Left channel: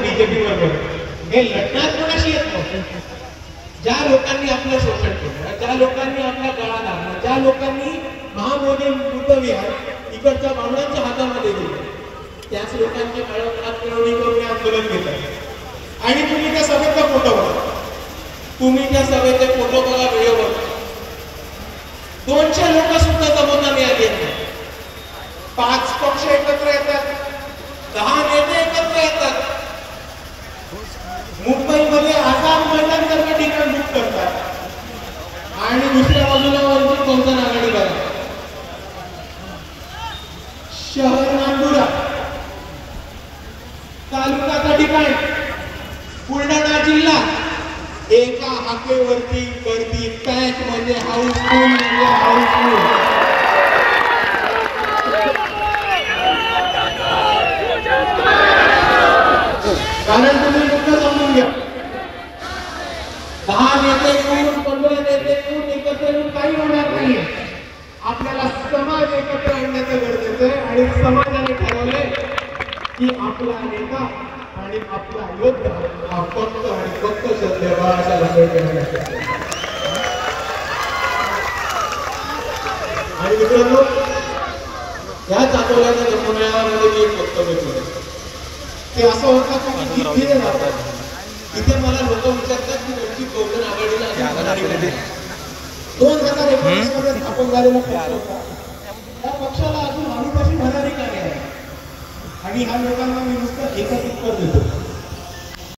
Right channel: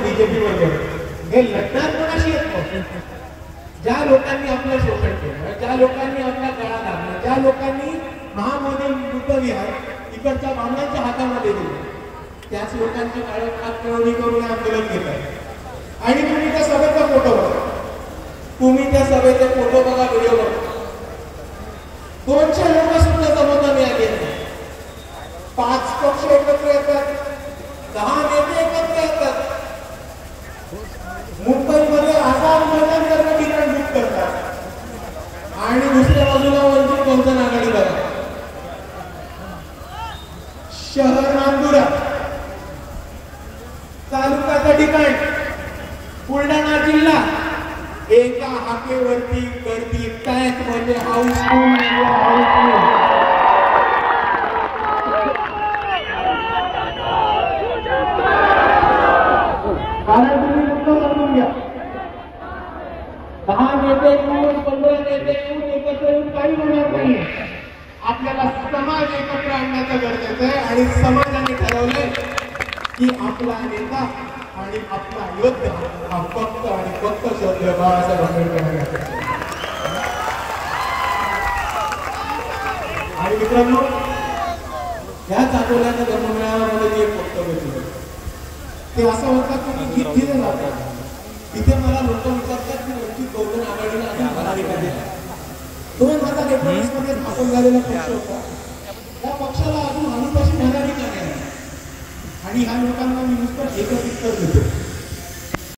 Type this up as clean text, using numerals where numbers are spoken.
BJP बरोबर हे लढणार कोणाशी येत. ज्या लोकांनी आपलं शोषण केलं, ज्या लोकांनी आपला गळा दाबला, ज्या लोकांनी महामोदी मृतविहार इकडच्या बांगड्यांच्या हातामध्ये दिले, त्याच लोकांच्या काळोखात केवढी करून आंदोलन घेतात. आणि तुम्ही त्या सभेचा फोटो बघा, तुम्ही त्या सभेचे फोटो बघा, व्हिडिओ बघा, 200 लोक सुद्धा जमवता मिळाली नाही. 5 पक्ष एकत्र येतात, 10 नेते एकत्र येतात, मुंबईमध्ये आसाम मैदान ठिकाण बुक करतात आणि दुसऱ्या बाजूला वंचित बहुजन आघाडी करा. शहर नांदुरा, तालुक्याचा ठिकाण बुलढाणा जिल्हा, एका हाकेवरती गर्दी पॅक म्हणजे हाऊसफुल म्हणजे हाऊसफुल. कारण तुम्ही मुद्दा समजून घ्या, 10 नेते येऊन 15 नेते येऊन एकत्र येऊन काही होणार नाहीये. आपल्याला समाज एकत्र आणण्याचं गरजेचं आहे आणि समाजाने ठरवलंय की आपला नेता आणि आपला योद्धा हा फक्त आणि फक्त श्रद्धेय बाळासाहेब आंबेडकर. आणि मित्रांनो, या चांदोल्याच्या धर्ममेळाव्यामध्ये मी एक वक्तव्य केलं. ते असं होतं की तिथे राहतात, तिथे मला लोक विचारतात की वंचित बहुजन आघाडीला जागादारी कधी. 2019 मध्ये स्थापन झालेला पक्ष होता, त्या पक्षाला अजून आधीपासून भरारी का नाही. आणि ह्या लोकांना मी नुसतं एकच उत्तर देतो